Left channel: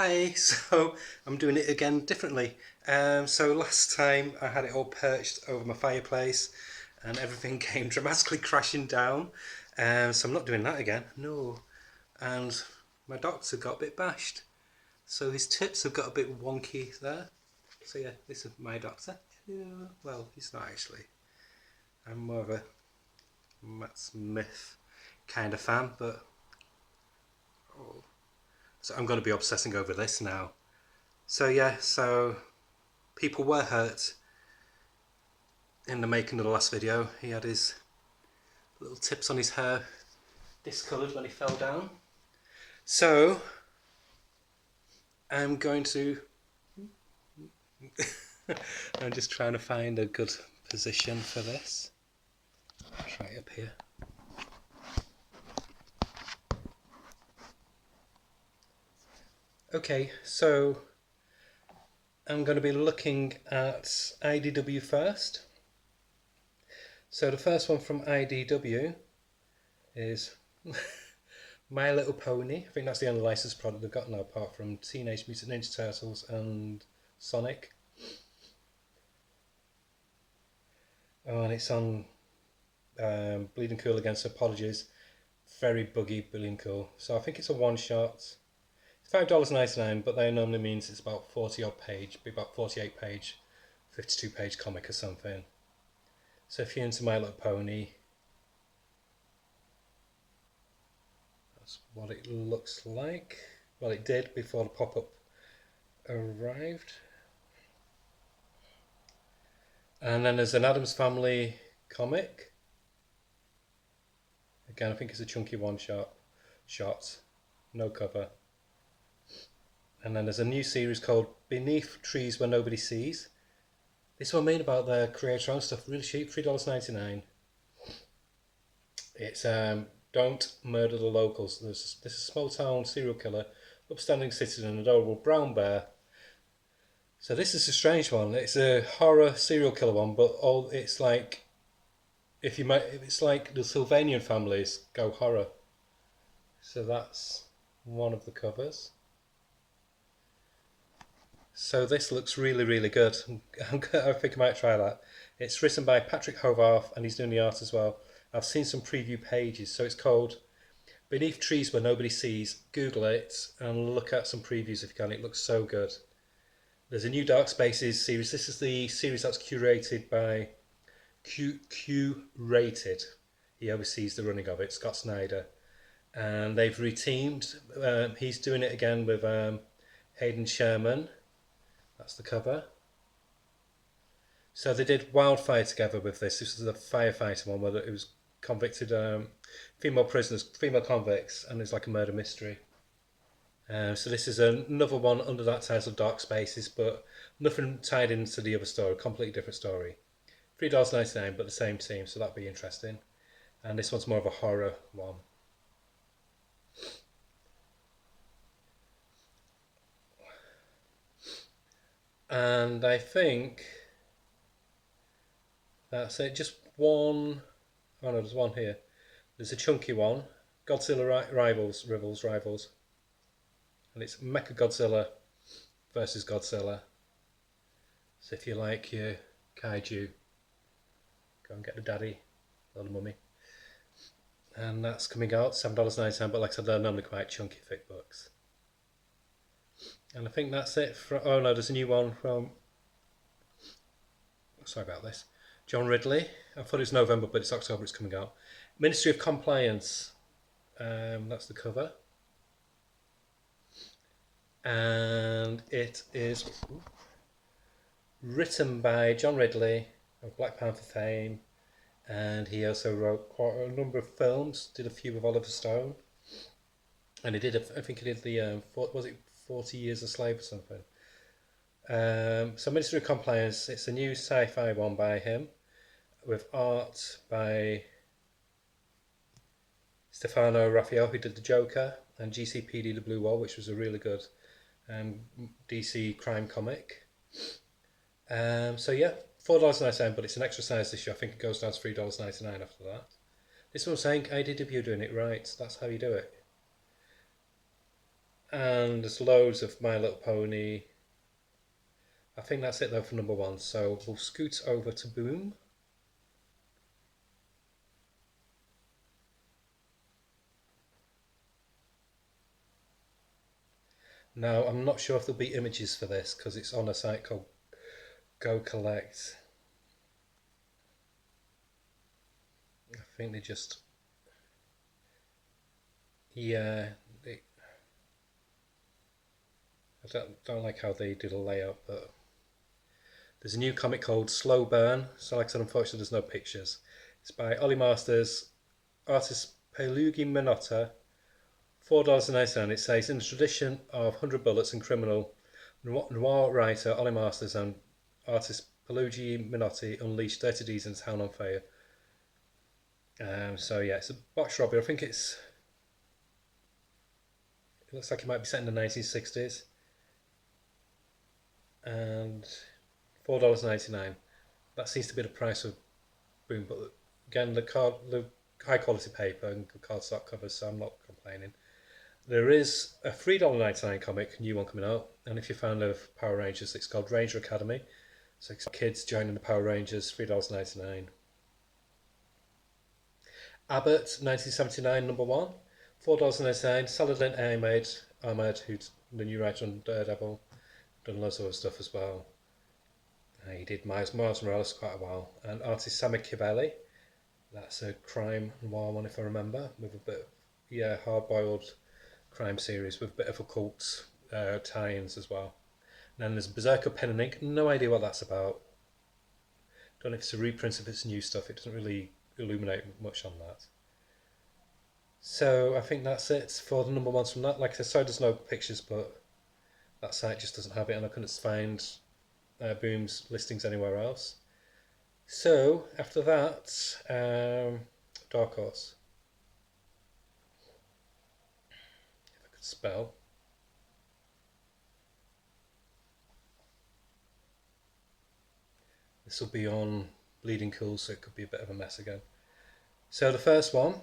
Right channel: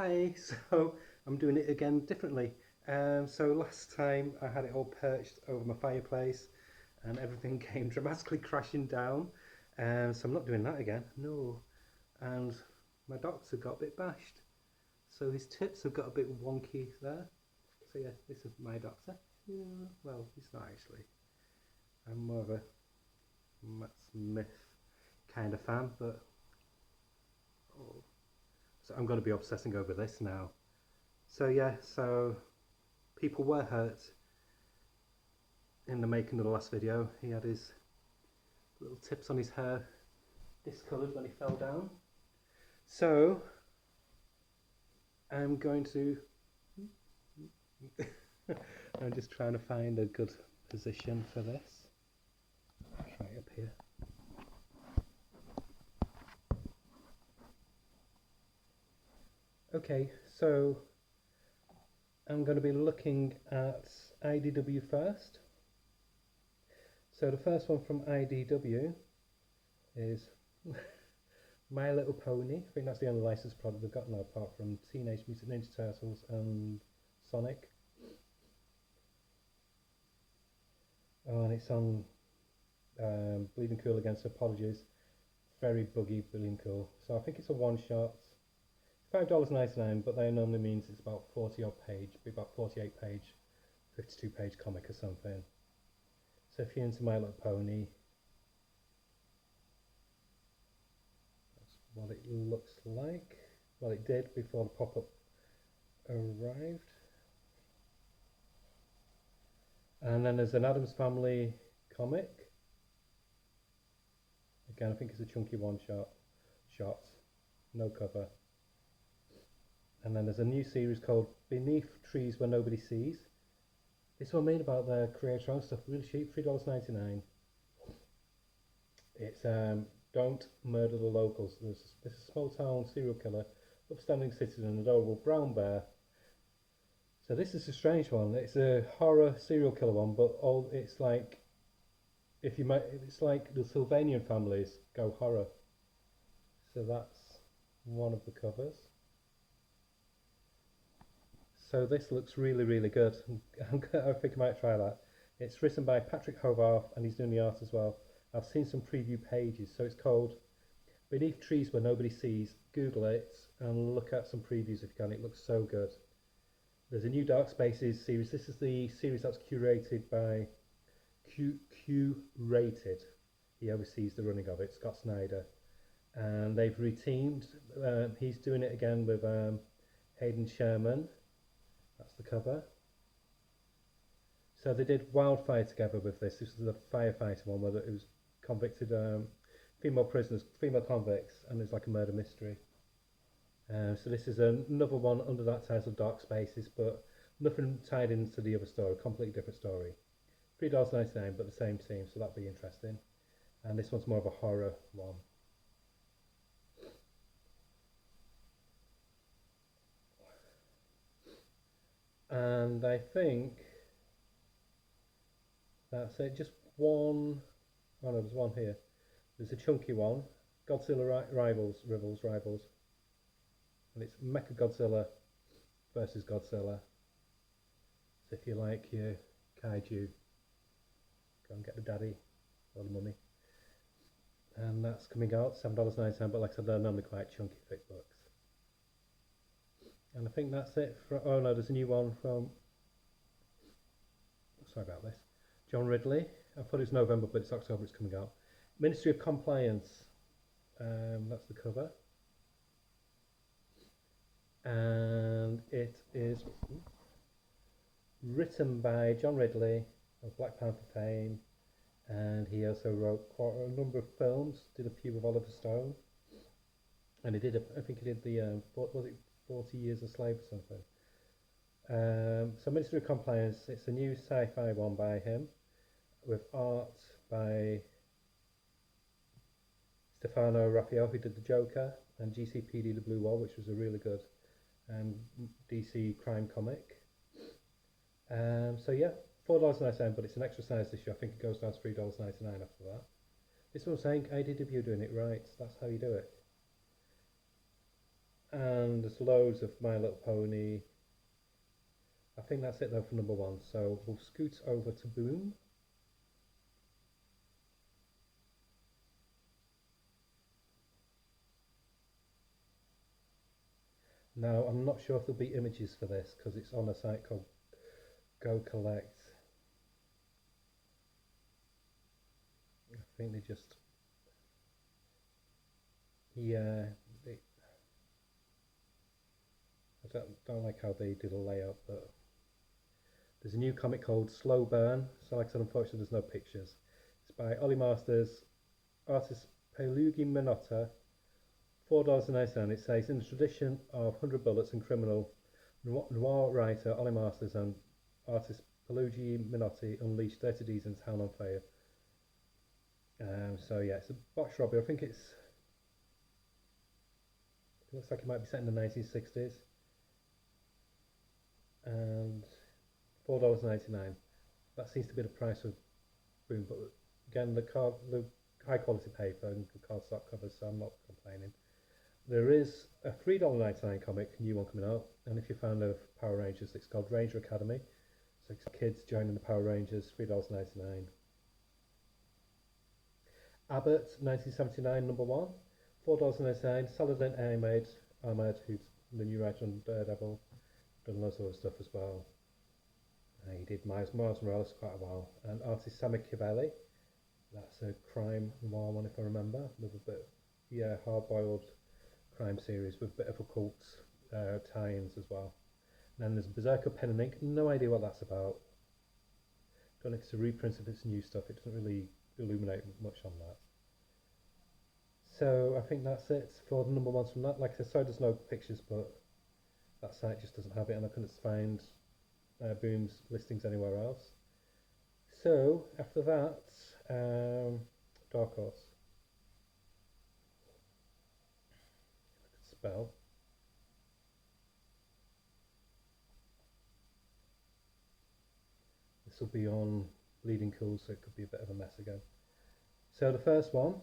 Hi, so I'm doing it again differently. So last time I had it all perched over my fireplace and everything came dramatically crashing down. So I'm not doing that again, no. And my doctor got a bit bashed. So his tips have got a bit wonky there. So yeah, this is my doctor. Well, he's not actually. I'm more of a Matt Smith kind of fan, but oh. So I'm going to be obsessing over this now. So yeah, so people were hurt in the making of the last video. He had his little tips on his hair discoloured when he fell down. So I'm going to. I'm just trying to find a good position for this. I'll try it up here. Okay, so I'm going to be looking at IDW first. So the first one from IDW is My Little Pony. I think that's the only licensed product they've got now, apart from Teenage Mutant Ninja Turtles and Sonic. Oh, and it's on Bleeding Cool Against Apologies. Very buggy, Bleeding Cool. So I think it's a one shot. It's $5.99, but that normally means it's about 40 odd page, be about 48 page, 52 page comic or something. So if you're into My Little Pony, that's what it looks like. Well, it did before the pop up arrived. And then there's an Addams Family comic. Again, I think it's a chunky one shot, no cover. And then there's a new series called Beneath Trees Where Nobody Sees. This one made about their creator owned stuff, really cheap, $3.99. It's Don't Murder the Locals. This is a small town serial killer, upstanding citizen, and adorable brown bear. So this is a strange one. It's a horror serial killer one, but it's like it's like the Sylvanian families go horror. So that's one of the covers. So this looks really, really good. I think I might try that. It's written by Patrick Hovarth and he's doing the art as well. I've seen some preview pages. So it's called Beneath Trees Where Nobody Sees. Google it and look at some previews if you can. It looks so good. There's a new Dark Spaces series. This is the series that's curated by Q Rated. He oversees the running of it, Scott Snyder. And they've reteamed. He's doing it again with Hayden Sherman. That's the cover. So they did Wildfire together with this. This was the firefighter one where it was convicted female prisoners, female convicts, and it's like a murder mystery. So this is another one under that title, Dark Spaces, but nothing tied into the other story. Completely different story. $3.99, but the same team, so that'd be interesting. And this one's more of a horror one. And I think that's it. Just one. Oh no, there's one here. There's a chunky one. Godzilla Rivals, and it's Mecha Godzilla versus Godzilla. So if you like your kaiju, go and get the daddy or the mummy. And that's coming out $7.99, but like I said, they're normally quite chunky, thick books. And I think that's it. Oh no, there's a new one from. Sorry about this. John Ridley. I thought it was November, but it's October. It's coming out. Ministry of Compliance. That's the cover. And it is written by John Ridley of Black Panther fame, and he also wrote quite a number of films. Did a few with Oliver Stone, and he did. I think he did the was it 40 Years a Slave or something. So Ministry of Compliance. It's a new sci-fi one by him, with art by Stefano Raffaele, who did the Joker, and GCPD The Blue Wall, which was a really good DC crime comic. So yeah, $4.99, but it's an extra size this year. I think it goes down to $3.99 after that. This one's saying IDW doing it right. That's how you do it. And there's loads of My Little Pony. I think that's it though for number 1. So we'll scoot over to Boom. Now I'm not sure if there'll be images for this because it's on a site called Go Collect. I think they just, yeah, I don't like how they do the layout, but there's a new comic called Slow Burn. So like I said, unfortunately there's no pictures. It's by Ollie Masters, artist Pelugi Minotta, $4.99. It says, in the tradition of 100 Bullets and criminal, noir writer Ollie Masters and artist Pelugi Minotti unleashed 30 D's in town on fire. So yeah, it's a botch robbery. I think it looks like it might be set in the 1960s. And $4.99. That seems to be the price of Boom, but again, the high quality paper and good cardstock covers, so I'm not complaining. There is a $3.99 comic, new one coming out, and if you're a fan of Power Rangers, it's called Ranger Academy. So it's kids joining the Power Rangers, $3.99. Abbott, 1979, number 1, $4.99. Saladin Ahmed, who's the new writer on Daredevil, done loads of other stuff as well. He did Miles Morales quite a while. And artist Sammy Kivelli, that's a crime noir one if I remember, with a bit, hard-boiled crime series with a bit of occult tie-ins as well. And then there's Berserker Pen and Ink, no idea what that's about. Don't know if it's a reprint of its new stuff, it doesn't really illuminate much on that. So I think that's it for the number 1s from that. Like I said, sorry there's no pictures, but that site just doesn't have it and I couldn't find Boom's listings anywhere else. So after that, Dark Horse. If I could spell. This will be on Bleeding Cool, so it could be a bit of a mess again. So the first one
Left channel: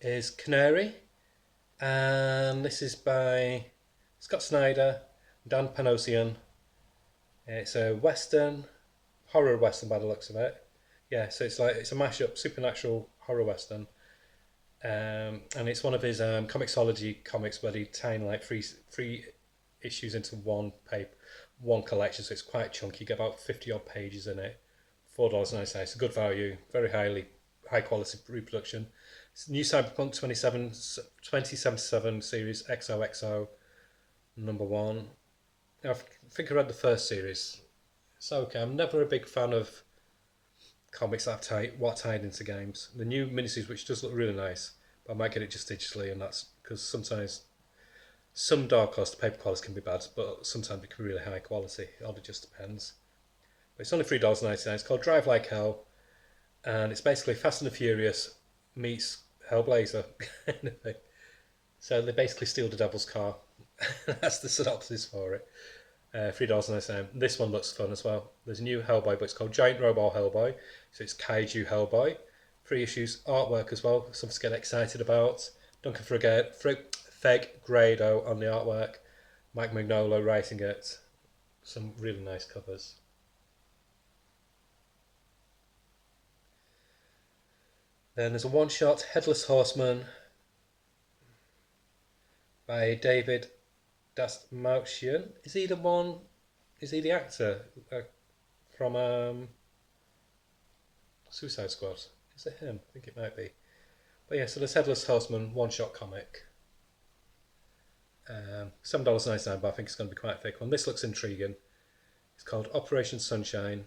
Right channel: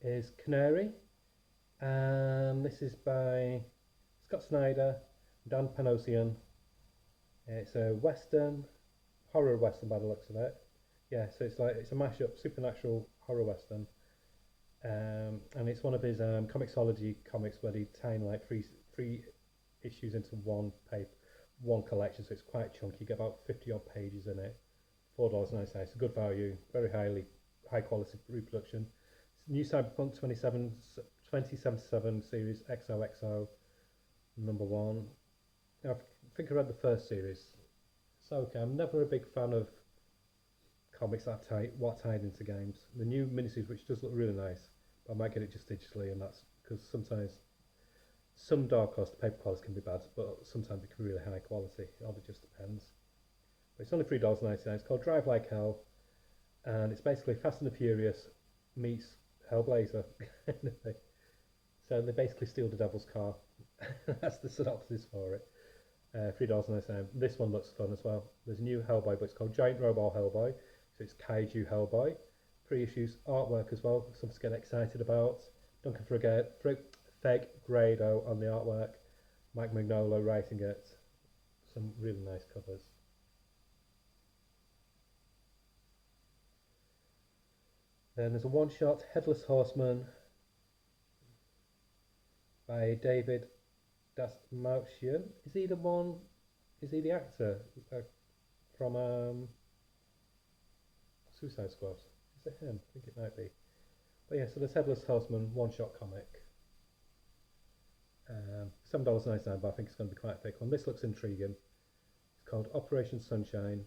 is Canary, and this is by Scott Snyder, Dan Panosian. It's a western, horror western by the looks of it. Yeah, so it's a mashup, supernatural horror western, and it's one of his Comixology comics where they tie in like three issues into one collection. So it's quite chunky. You get about 50 odd pages in it. $4.99. It's a good value, very high quality reproduction. It's new Cyberpunk 2077 series XOXO number 1. I think I read the first series. It's okay. I'm never a big fan of comics that have tied into games. The new miniseries, which does look really nice, but I might get it just digitally, and that's because sometimes some Dark Horse paper quality can be bad, but sometimes it can be really high quality. It all just depends. But it's only $3.99. It's called Drive Like Hell, and it's basically Fast and the Furious meets Hellblazer. So they basically steal the devil's car. That's the synopsis for it. $3.99. This one looks fun as well. There's a new Hellboy, but it's called Giant Robot Hellboy. So it's Kaiju Hellboy. 3 issues, artwork as well, something to get excited about. Duncan Fegredo on the artwork. Mike Mignolo writing it. Some really nice covers. Then there's a one-shot, Headless Horseman by David Dastmalchian. Is he the actor from Suicide Squad? Is it him? I think it might be. But yeah, so there's Headless Horseman one-shot comic. $7.99, but I think it's going to be quite a thick one. This looks intriguing. It's called Operation Sunshine.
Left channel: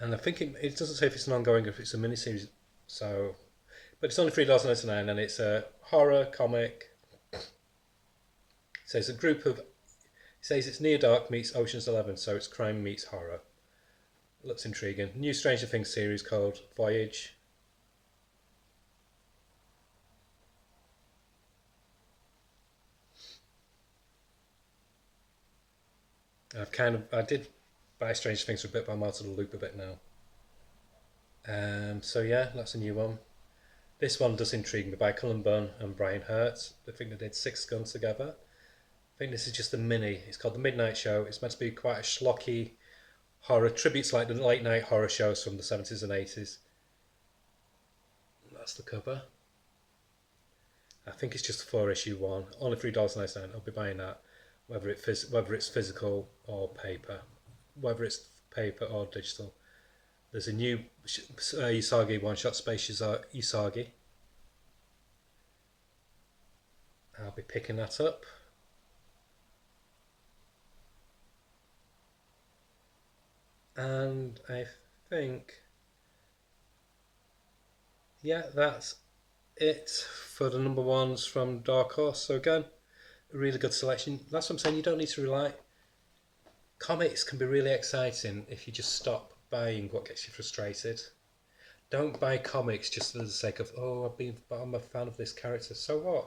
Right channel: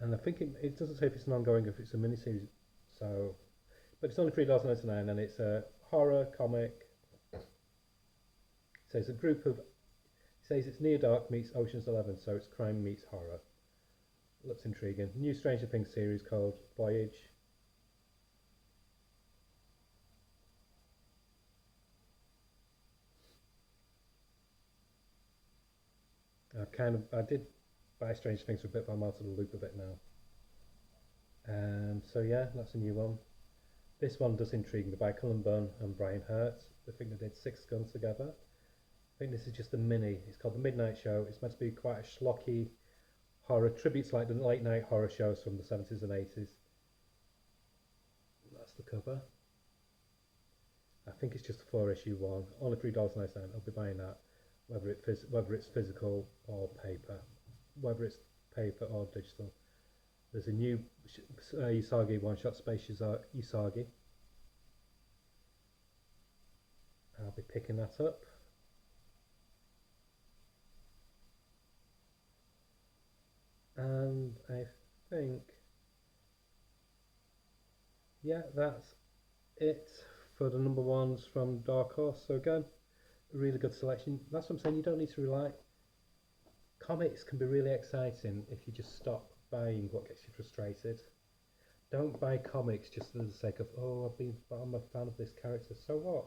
And I think it doesn't say if it's an ongoing or if it's a miniseries. So, but it's only $3.99 and it's a horror comic. It says it says it's Near Dark meets Ocean's 11, so it's crime meets horror. Looks intriguing. New Stranger Things series called Voyage. I did buy Stranger Things for a bit, but I'm out of the loop a bit now. So yeah, that's a new one. This one does intrigue me, by Cullen Bunn and Brian Hurt. I think they did Six Guns together. I think this is just a mini. It's called The Midnight Show. It's meant to be quite a schlocky horror, tributes like the late night horror shows from the 70s and 80s. That's the cover. I think it's just a 4-issue one. Only $3.99. I'll be buying that, whether it's physical or paper, whether it's paper or digital. There's a new Usagi one-shot, Space Usagi. I'll be picking that up. And I think, yeah, that's it for the number ones from Dark Horse. So again, a really good selection. That's what I'm saying. You don't need to rely. Comics can be really exciting if you just stop buying what gets you frustrated. Don't buy comics just for the sake of, oh, I'm a fan of this character. So what?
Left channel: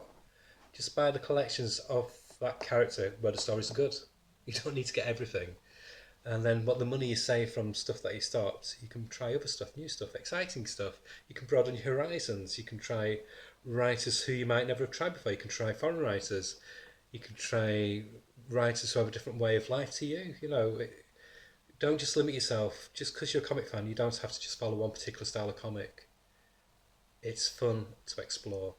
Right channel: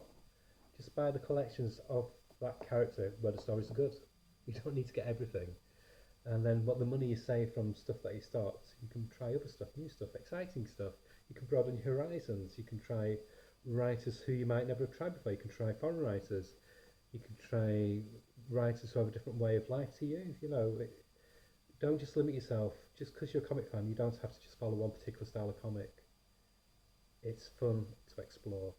Just buy the collections of that character where the stories are good. You don't need to get everything. And then what the money you save from stuff that you stopped, you can try other stuff, new stuff, exciting stuff. You can broaden your horizons. You can try writers who you might never have tried before. You can try foreign writers. You can try writers who have a different way of life to you. Don't just limit yourself. Just because you're a comic fan, you don't have to just follow one particular style of comic. It's fun to explore.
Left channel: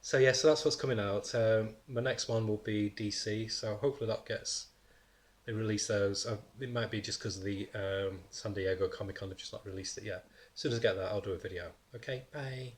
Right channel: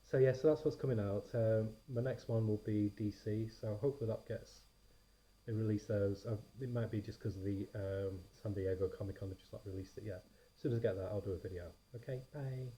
So yeah, so that's what's coming out. My next one will be DC, so hopefully they release those. It might be just because of the San Diego Comic Con, they've just not released it yet. As soon as I get that, I'll do a video. Okay, bye.